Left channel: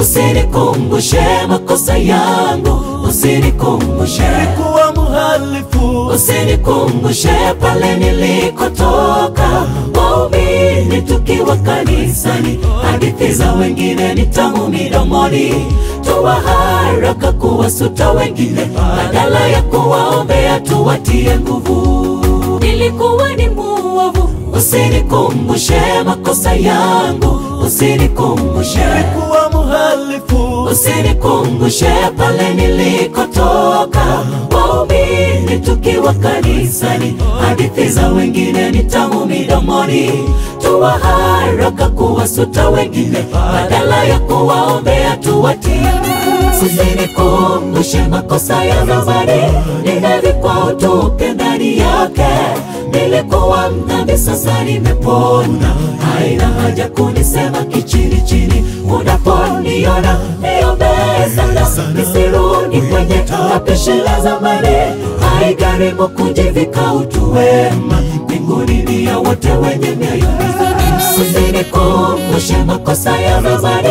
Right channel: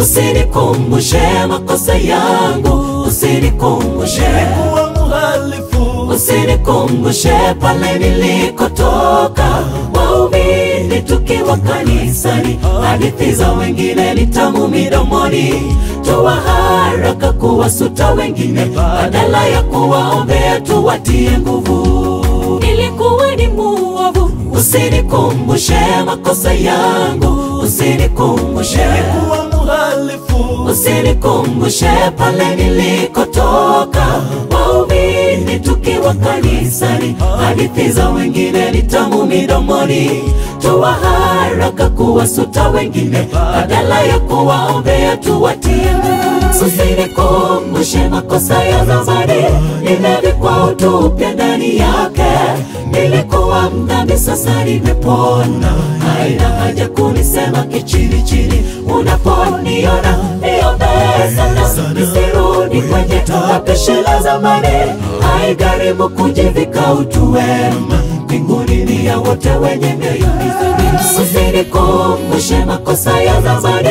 Usinikumbushe makosa yangu, usinikumbushe kuwa muhalifu, usinikumbushe pale nilikotoka. Waumini tukiwa kanisani, hadithi za wengine ni tamu midomoni. Toa haraka kuwasuta wengine, badala ya kuwaombea tuwatie nguvu. Nilikuwa ni muovu, usinikumbushe makosa yangu, usinikumbushe kuwa muhalifu, usinikumbushe pale nilikotoka. Waumini tukiwa kanisani, hadithi za wengine ni tamu midomoni. Toa haraka kuwasuta wengine, badala ya kuwaombea tuwatie nguvu. Usinikumbushe makosa ya zamani, nimevikwa utupe ndani yake. Nilikuwa mdhambi, sasa nimepona, haina haja kunisema kichini chini. Unaponiona niombee sana, nisirudi kwenye mapishi la zamani. Haigharimu kujivika utu wema, mbinguni ni ya wote wenye mioyo. Usinikumbushe makosa ya zamani,